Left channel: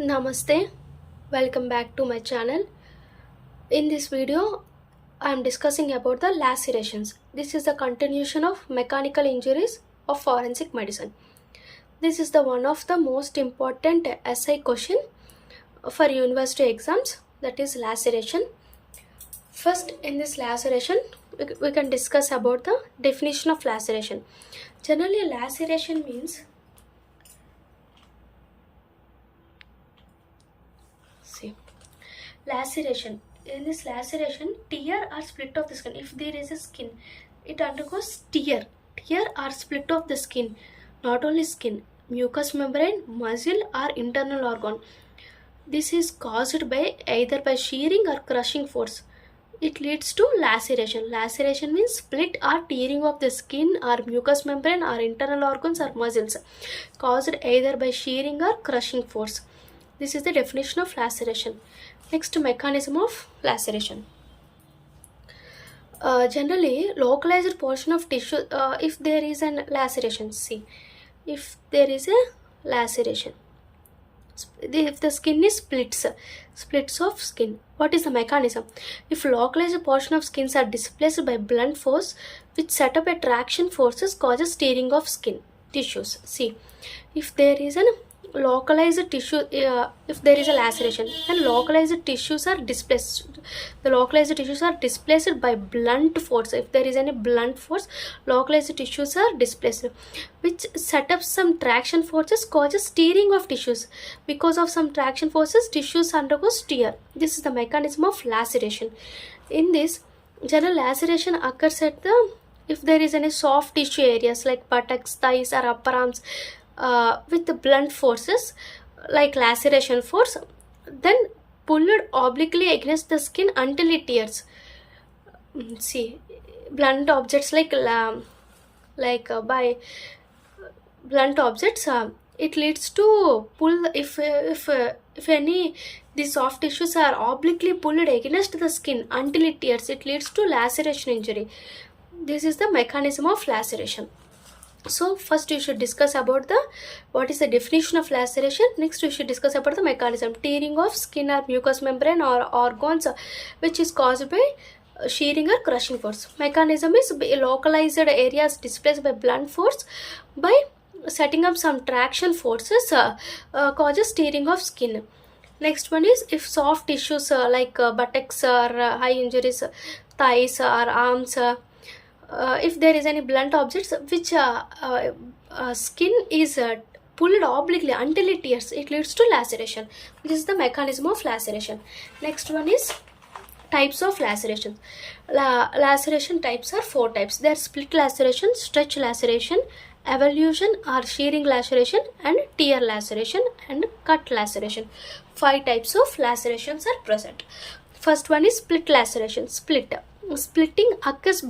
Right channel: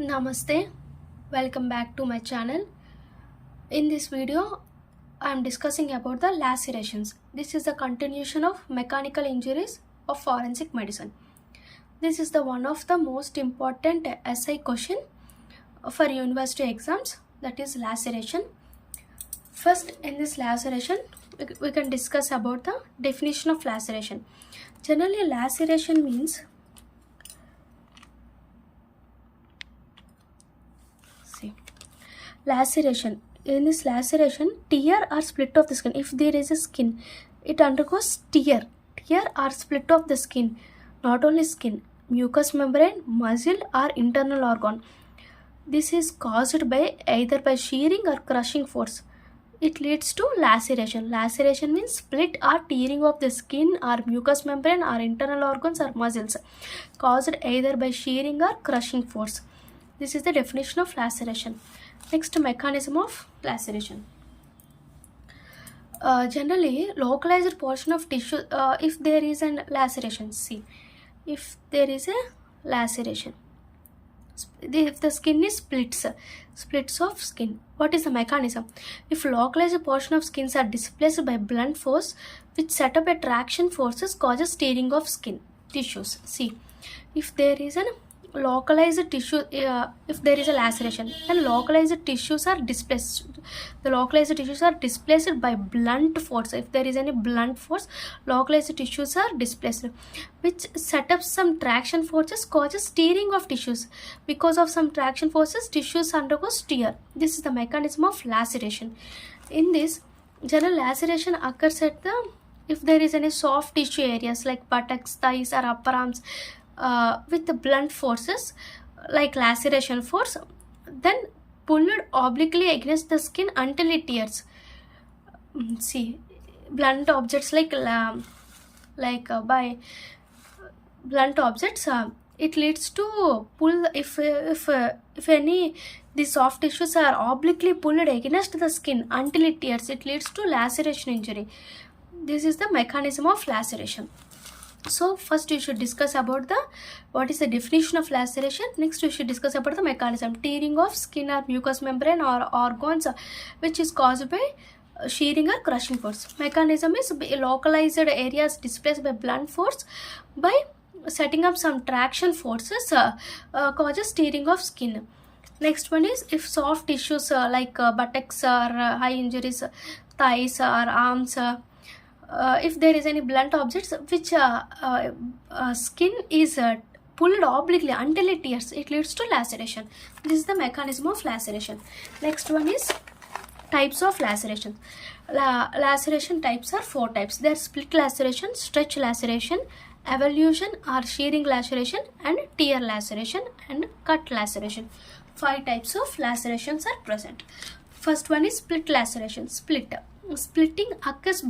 Namaste, welcome back to my channel. In this video, I am discussing about the lacerations. This is the continuation of mechanical injuries of forensic medicine. This is the one of the most important essay question for university exams, that is laceration. First, in this laceration, we can discuss about the definition of laceration. Generally, laceration means laceration. In this laceration, tear or split of the skin. If there is a skin, it undergoes tear or split of the skin. Not only skin, mucous membrane, muscle or internal organ. This is caused by either by shearing or crushing force. It leads to laceration. Laceration means split or tearing of the skin or mucous membrane or internal organs or muscles, caused either by shearing or crushing force. This is the definition of laceration. Next, mechanism of laceration. Generally, localized portion of tissue, if there is an laceration, see, if there is a laceration, if the skin is splits of skin, what is the mechanism? If localized portion of skins are displaced by blunt force, which set up a traction forces causes tearing of skin tissues. See, if there is an localized tissue, if there is a laceration, then localized tissues are displaced. The localized tissues are displaced by blunt force. If there is any blunt force, localized tissues are displaced, which set up some traction forces causes tearing of tissues. Because of some traction forces, tissues undergoes tear. This is the mechanism of laceration. In this, general laceration occurs at the, if there is any soft tissue areas like buttocks, thighs or upper arms, with the blunt forces like laceration force, then pulled obliquely against the skin until it tears. See, blunt objects like by blunt objects, it leads to pull. If any these soft tissues are obliquely pulled against the skin until it tears, it leads to laceration injury. This is the mechanism of laceration. So first you should discuss about the what is the definition of laceration. Next you should discuss about the mechanism. Tearing of skin or mucous membrane or organs, which is caused by shearing or crushing force. Mechanism is localized areas displaced by blunt force by setting up some traction forces, causes tearing of skin. Next one is if soft tissues like buttocks or high injuries, thighs or arms, if there is any blunt objects which skin is pulled obliquely until it tears, it leads to laceration. This is the mechanism of laceration. Next one is types of laceration. Laceration types are 4 types. They are split laceration, stretch laceration, avulsion or shearing laceration, and tear laceration and cut laceration. 5 types of lacerations are present. First one is split laceration. Splitting occurs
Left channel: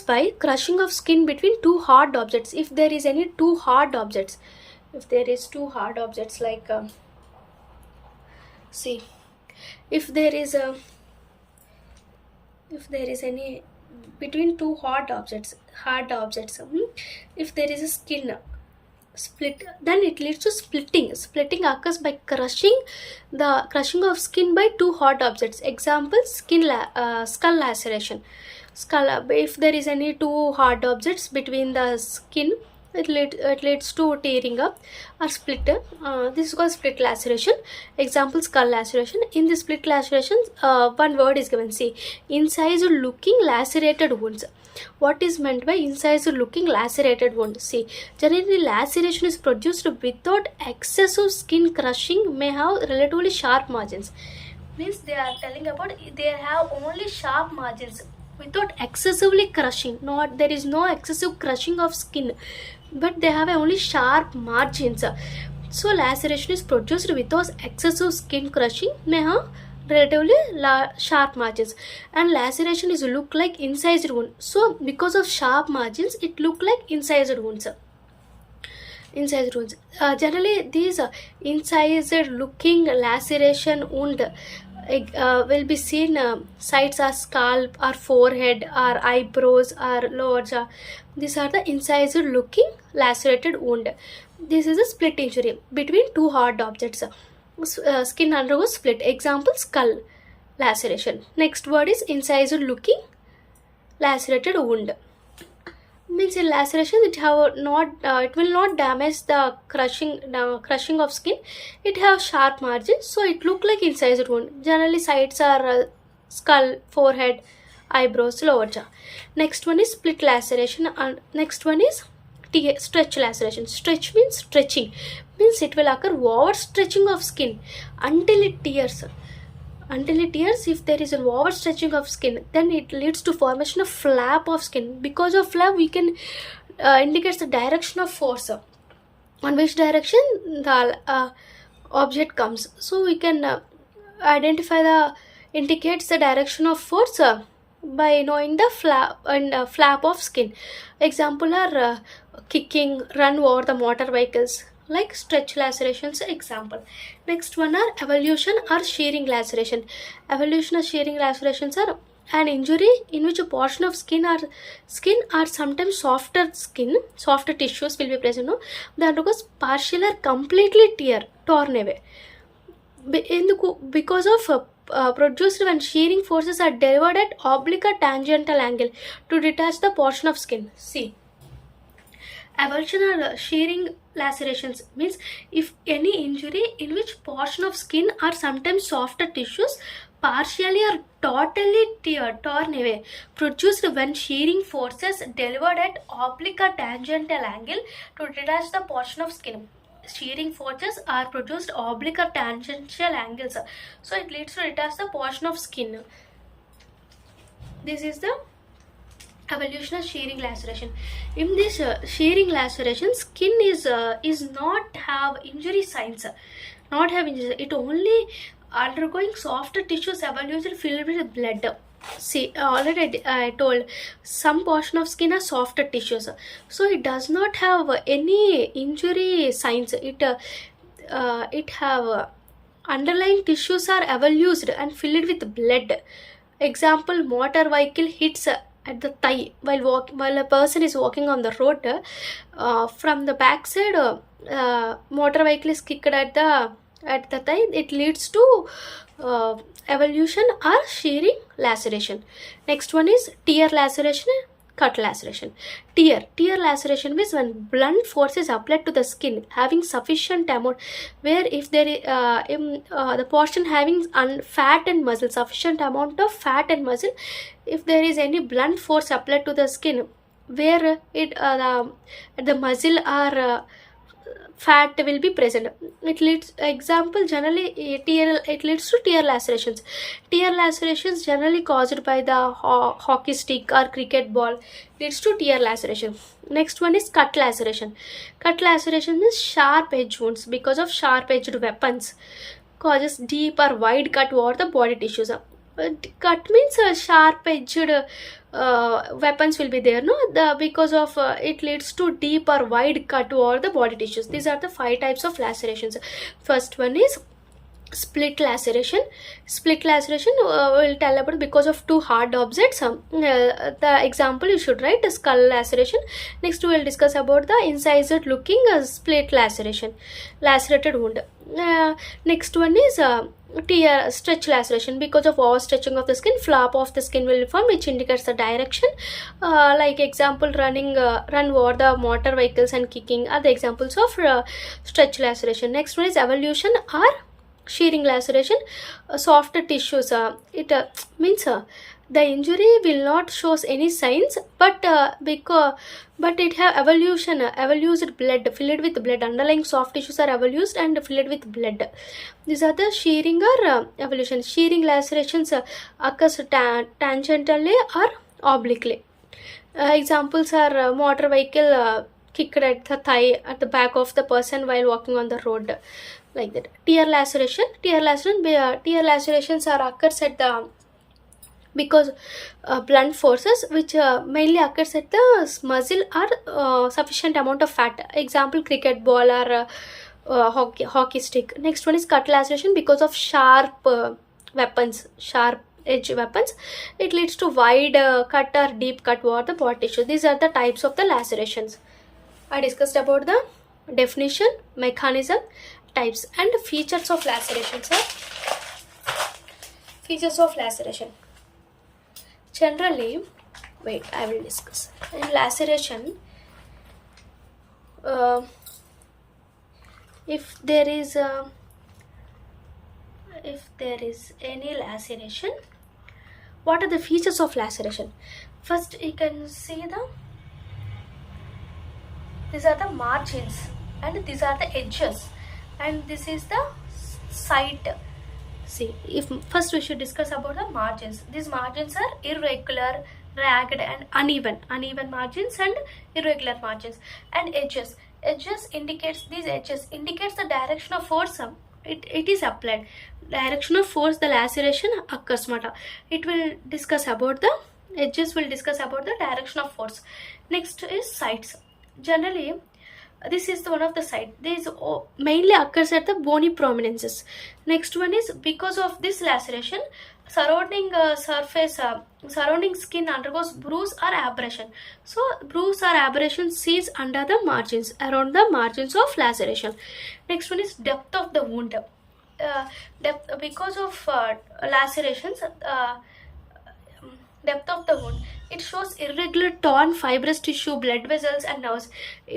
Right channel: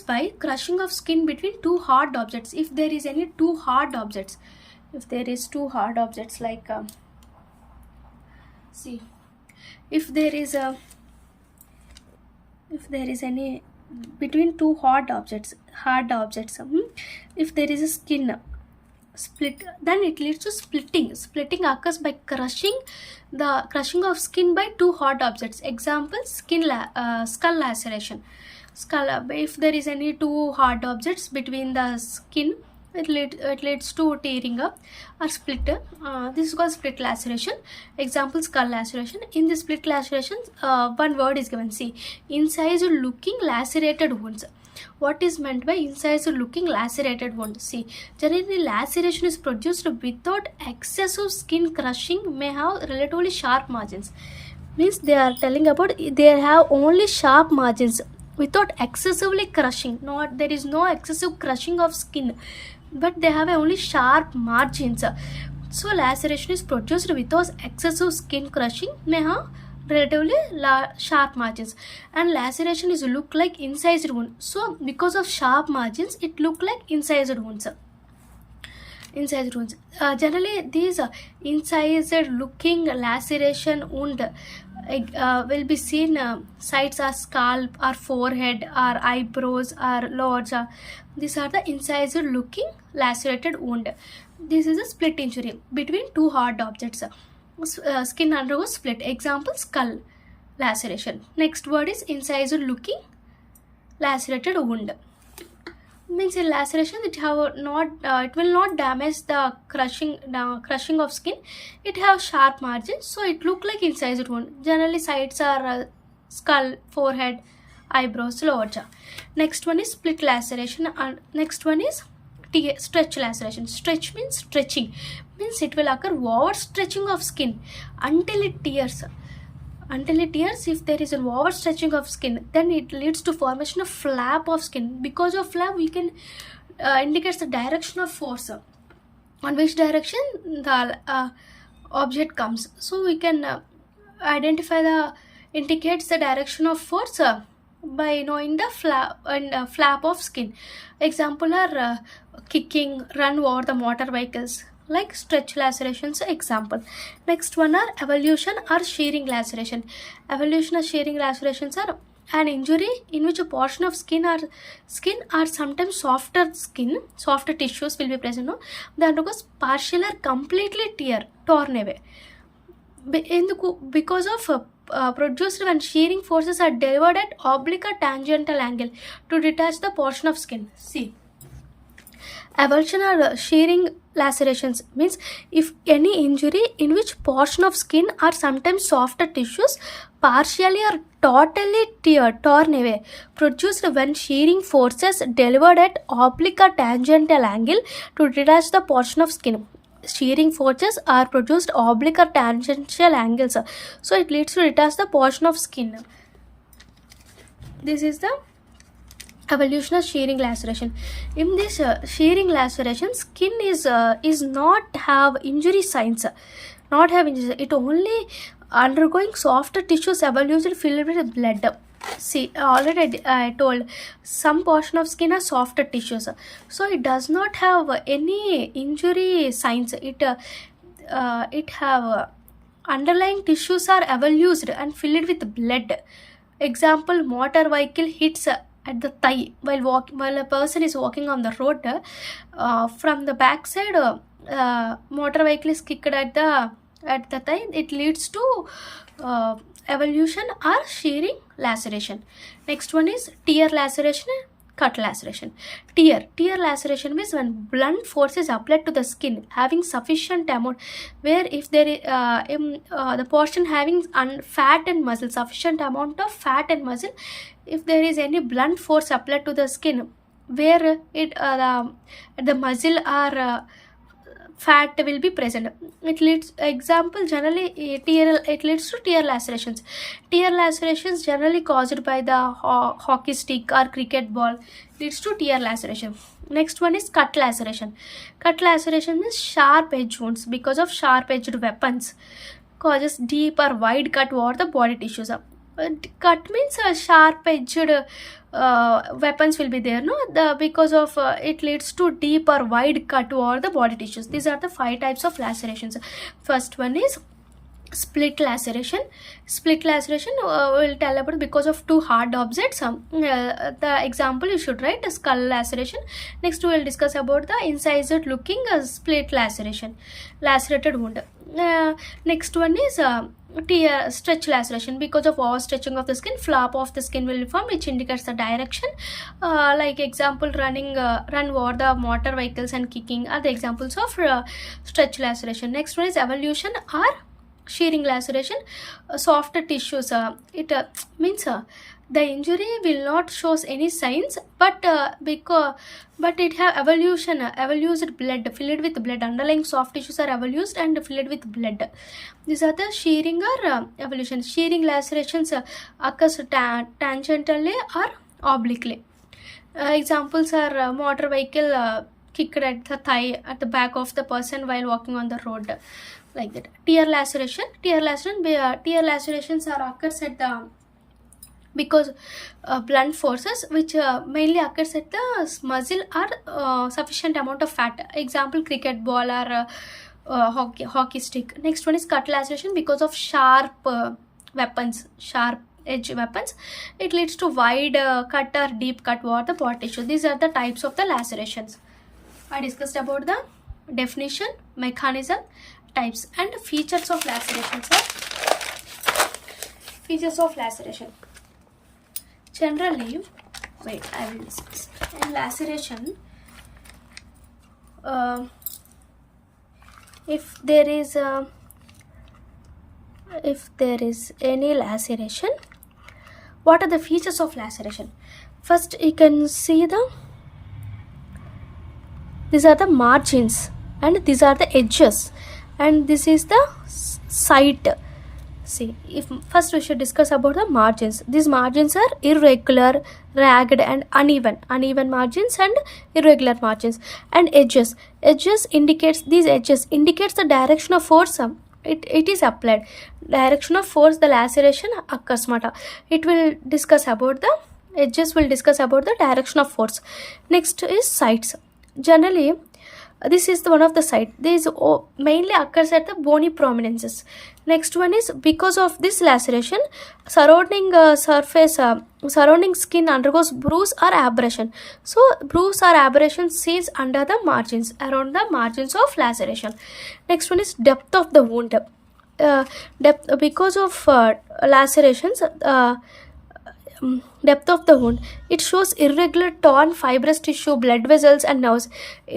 by crushing of skin between two hard objects. If there is any two hard objects, like see, if there is any between two hard objects, if there is a skin split, then it leads to splitting. Splitting occurs by crushing of skin by two hard objects. Example, skull laceration. If there is any two hard objects between the skin, it leads to tearing up or split. This is called split laceration. Example, skull laceration. In this split laceration, one word is given. See, incised looking lacerated wounds. What is meant by incised looking lacerated wound? See, generally laceration is produced without excessive skin crushing, may have relatively sharp margins. Means they are telling about they have only sharp margins without excessively crushing. There is no excessive crushing of skin, but they have only sharp margins. So laceration is produced without excessive skin crushing, may have relatively sharp margins, and laceration is look like incised wound. So because of sharp margins, it look like incised wounds. incised wounds. Generally, these incised looking laceration wound will be seen sites are scalp or forehead or eyebrows or lower jaw. These are the incised looking lacerated wound. This is a split injury between two hard objects. Skin undergoes split. Example, skull laceration. Next word is incised looking lacerated wound. Means in laceration it have not it will not damage the crushing of skin. It have sharp margins, so it look like incised wound. Generally sites are skull, forehead, eyebrows, lower jaw. Next one is split laceration, and next one is stretch laceration. Stretch means stretching, means it will occur over stretching of skin until it tears. If there is an overstretching of skin, then it leads to formation of flap of skin. Because of flap, we can indicates the direction of force, on which direction the object comes. So we can identify indicates the direction of force by knowing the flap of skin. Example are kicking, run over the motor vehicles, like stretch lacerations example. Next one are avulsion or shearing laceration. Avulsion or shearing lacerations are an injury in which a portion of skin or sometimes softer tissues will be present. No, that undergoes partial or completely torn away. Because of produced when shearing forces are delivered at oblique or tangential angle to detach the portion of skin. See, avulsion or shearing lacerations means if any injury in which portion of skin or sometimes softer tissues partially or totally torn away, produced when shearing forces delivered at oblique or tangential angle to detach the portion of skin. Shearing forces are produced oblique or tangential angles, so it leads to detach the portion of skin. This is the avulsion of shearing laceration. In this shearing laceration, skin is not have injury signs, it only undergoing softer tissues avulsed filled with blood. See, already I told some portion of skin are softer tissues, so it does not have any injury signs. It have underlying tissues are avulsed and filled with blood. Example, motor vehicle hits at the thigh while a person is walking on the road. From the back side, motor vehicle is kicked at the thigh. It leads to avulsion or shearing laceration. Next one is tear laceration, cut laceration. Tear laceration means when blunt force is applied to the skin having sufficient amount, where if there is the portion having fat and muscle, sufficient amount of fat and muscle, if there is any blunt force applied to the skin where the muscle or fat will be present, it leads, example, generally it leads to tear lacerations. Tear lacerations generally caused by the hockey stick or cricket ball leads to tear laceration. Next one is cut laceration. Cut laceration means sharp edge wounds because of sharp edged weapons causes deep or wide cut over the body tissues. Cut means sharp edged weapons will be there, no, because of it leads to deep or wide cut over the body tissues. These are the 5 types of lacerations. First one is split laceration. Split laceration will tell about because of two hard objects. The example you should write is skull laceration. Next we will discuss about the incised looking split laceration, lacerated wound. Next one is stretch laceration. Because of overstretching of the skin, flap of the skin will form, which indicates the direction. Like example, run over the motor vehicles and kicking are the examples of stretch laceration. Next one is avulsion or shearing laceration. Softer tissues, it means the injury will not shows any signs, but it have avulsed blood, filled with blood. Underlying soft tissues are avulsed and filled with blood. These are the shearing or avulsion. Shearing lacerations occurs tangentially or obliquely. Examples are motor vehicle kicked at the thigh, at the back of the person while walking on the road, like that. Tear lacerations are occurs at the because blunt forces which mainly occurs at the muzzle are sufficient amount of fat. Example, cricket ball or hockey stick. Next one is cut laceration because of sharp weapons, sharp edge weapons. It leads to wide cut or deep cut over the body tissue. These are the types of the lacerations. I discussed about the definition, mechanism, types, and features of lacerations. Features of laceration. Generally, wait, I will discuss. In laceration, if there is any laceration, what are the features of laceration? First, you can see these are the margins and these are the edges, and this is the site. See, if first we should discuss about the margins. These margins are irregular, ragged, and uneven. Uneven margins and irregular margins. And edges. Edges indicates the direction of force. It is applied. Direction of force, the laceration occurs. It will discuss about the edges. Will discuss about the direction of force. Next is sites. Generally, this is one of the site. This mainly occurs at the bony prominences. Next one is because of this laceration, surrounding surrounding skin undergoes bruise or abrasion. So bruise or abrasion sees under the margins, around the margins of laceration. Next one is depth of the wound. Depth because of lacerations. Depth of the wound, it shows irregular torn fibrous tissue, blood vessels, and nerves.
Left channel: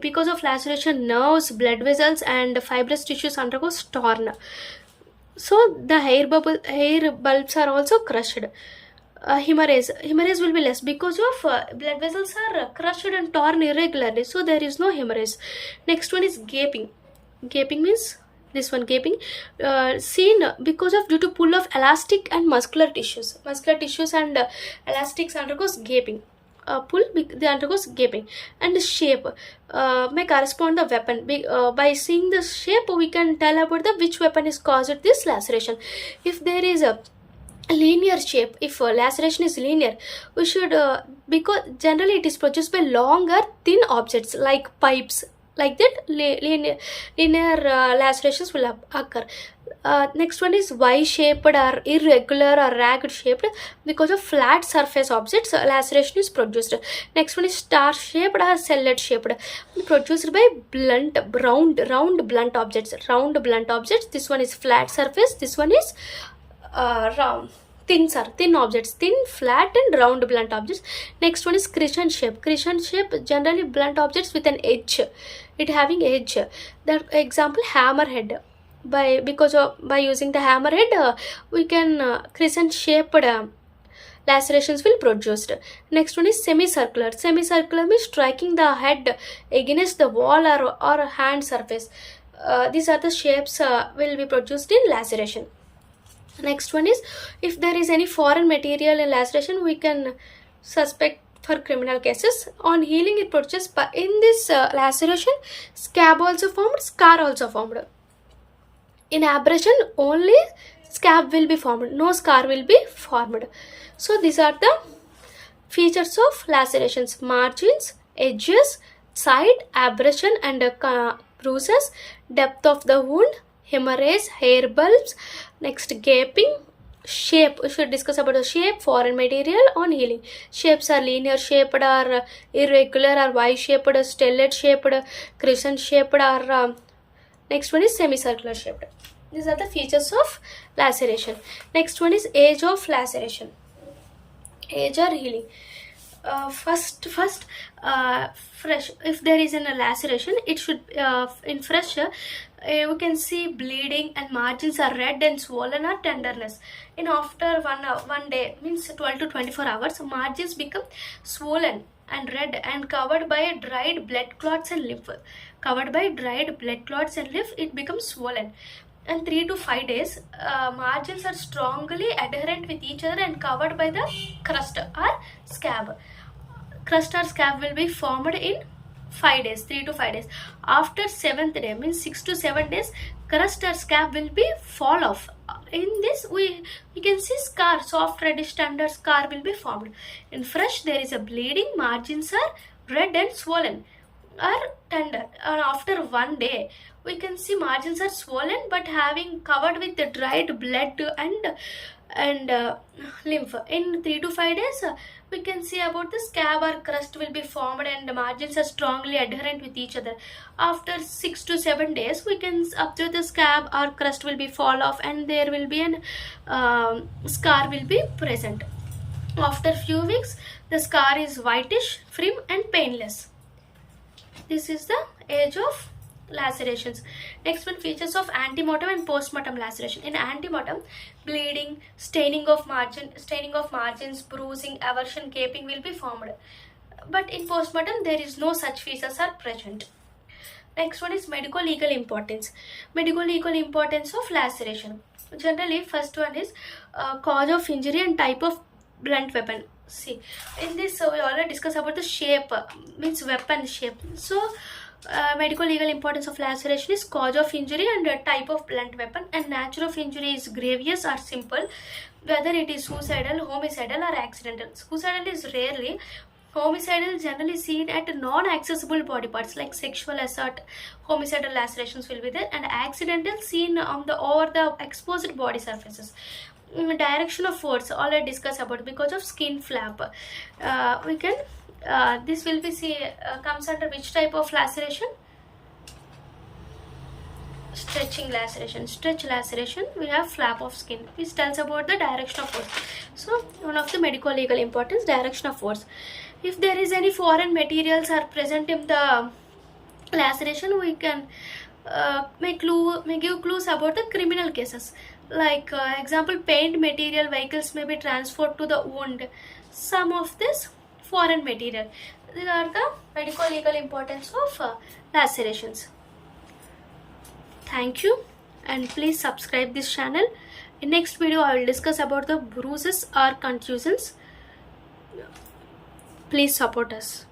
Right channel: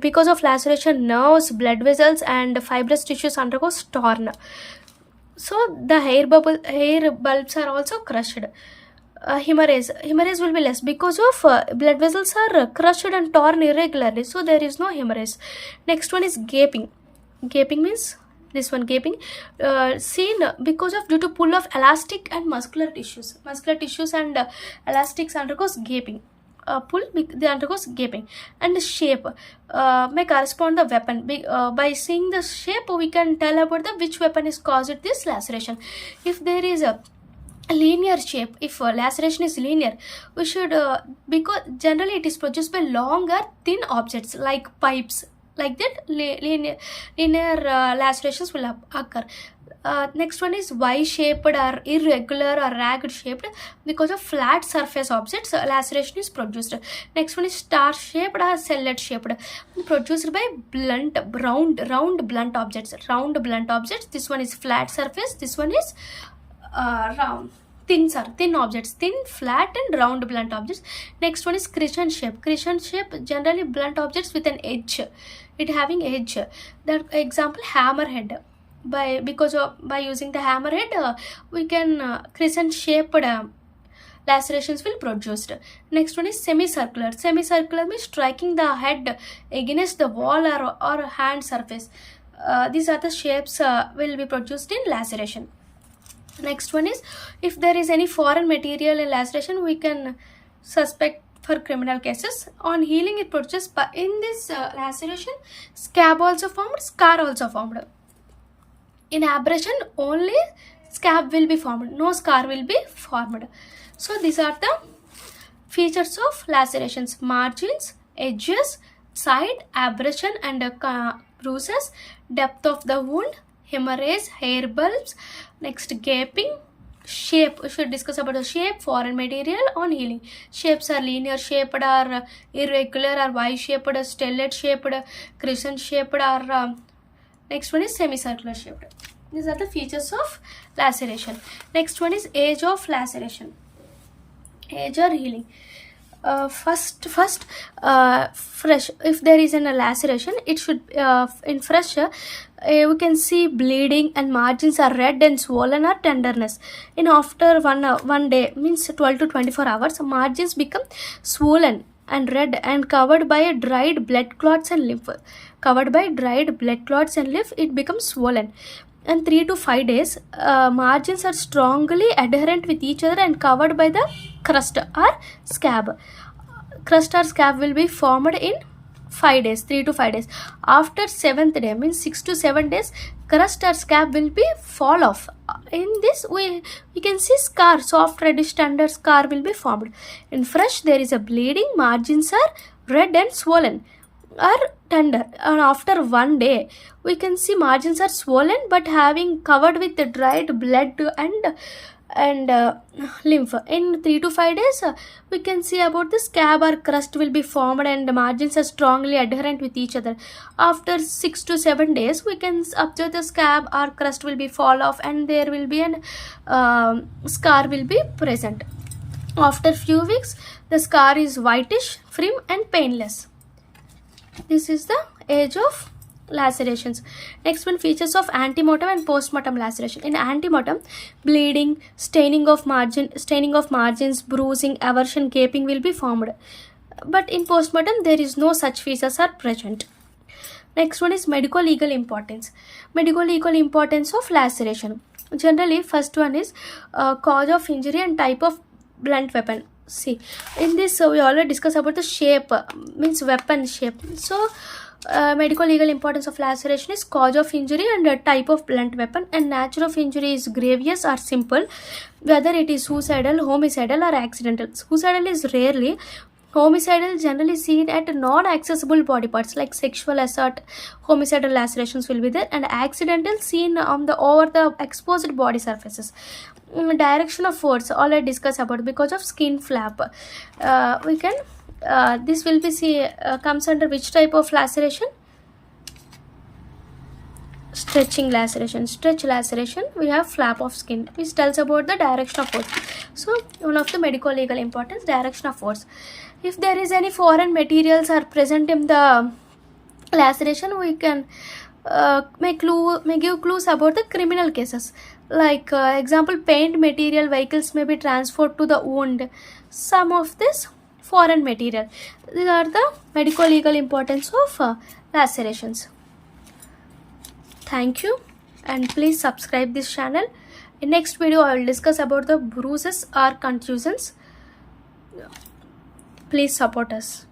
Because of laceration, nerves, blood vessels, and fibrous tissues undergoes torn. So the hair bulbs are also crushed. Hemorrhage will be less because of blood vessels are crushed and torn irregularly, so there is no hemorrhage. Next one is gaping. Gaping means this one, gaping seen because of due to pull of elastic and muscular tissues. Muscular tissues and elastics undergoes gaping. Pull, they undergoes gaping. And shape may correspond the weapon. By seeing the shape, we can tell about the which weapon is caused this laceration. If there is a linear shape, if laceration is linear, we should because generally it is produced by long or thin objects like pipes. Like that, linear lacerations will occur. Next one is Y-shaped or irregular or ragged shaped because of flat surface objects. Laceration is produced. Next one is star-shaped or cellet shaped, produced by round blunt objects. Round blunt objects. This one is flat surface. This one is round. Thin objects, thin, flat, and round blunt objects. Next one is crescent shape. Crescent shape, generally blunt objects with an edge. It having edge. The example, hammerhead. By using the hammerhead, we can crescent shaped lacerations will produced. Next one is semicircular. Semicircular means striking the head against the wall or hand surface. These are the shapes will be produced in laceration. Next one is if there is any foreign material in laceration, we can suspect for criminal cases. On healing, it produces, but in this laceration, scab also formed, scar also formed. In abrasion, only scab will be formed, no scar will be formed. So these are the features of lacerations: margins, edges, side, abrasion, and bruises, depth of the wound, hemorrhage, hair bulbs. Next, gaping. Shape, we should discuss about the shape, foreign material. On healing, shapes are linear shaped or irregular or Y-shaped, stellate shaped, crescent shaped, or next one is semicircular shaped. These are the features of laceration. Next one is age of laceration. Age or healing. First, fresh. If there is a laceration, it should in fresh. We can see bleeding and margins are red and swollen or tenderness. In after one day, means 12 to 24 hours, margins become swollen and red and covered by dried blood clots and lymph. Covered by dried blood clots and lymph, it becomes swollen. And 3 to 5 days, margins are strongly adherent with each other and covered by the crust or scab. Crust or scab will be formed in 5 days, 3 to 5 days. After 7th day, means 6 to 7 days, crust or scab will be fall off. In this we can see scar, soft reddish tender scar will be formed. In fresh, there is a bleeding, margins are red and swollen or tender, and after 1 day we can see margins are swollen but having covered with the dried blood and lymph. In 3 to 5 days, we can see about the scab or crust will be formed and the margins are strongly adherent with each other. After 6 to 7 days, we can observe the scab or crust will be fall off and there will be an scar will be present. After few weeks, the scar is whitish, firm and painless. This is the age of lacerations. Next one, features of antemortem and postmortem laceration. In antemortem, bleeding, staining of margins, bruising, aversion, gaping will be formed. But in postmortem, there is no such features are present. Next one is medico-legal importance. Medico-legal importance of laceration. Generally, first one is cause of injury and type of blunt weapon. See, in this we already discussed about the shape, means weapon shape. So medico-legal importance of laceration is cause of injury and type of blunt weapon, and nature of injury is grievous or simple, whether it is suicidal, homicidal or accidental. Suicidal is rarely. Homicidal generally seen at non-accessible body parts like sexual assault. Homicidal lacerations will be there, and accidental seen on the over the exposed body surfaces. Direction of force already discussed about because of skin flap. We can this will be comes under which type of laceration? Stretching laceration. Stretch laceration, we have flap of skin, which tells about the direction of force. So one of the medical legal importance, direction of force. If there is any foreign materials are present in the laceration, we can may give clues about the criminal cases. Like example, paint material vehicles may be transferred to the wound. Some of this foreign material. These are the medical legal importance of lacerations. Thank you, and please subscribe this channel. In next video, I will discuss about the bruises or contusions. Please support us.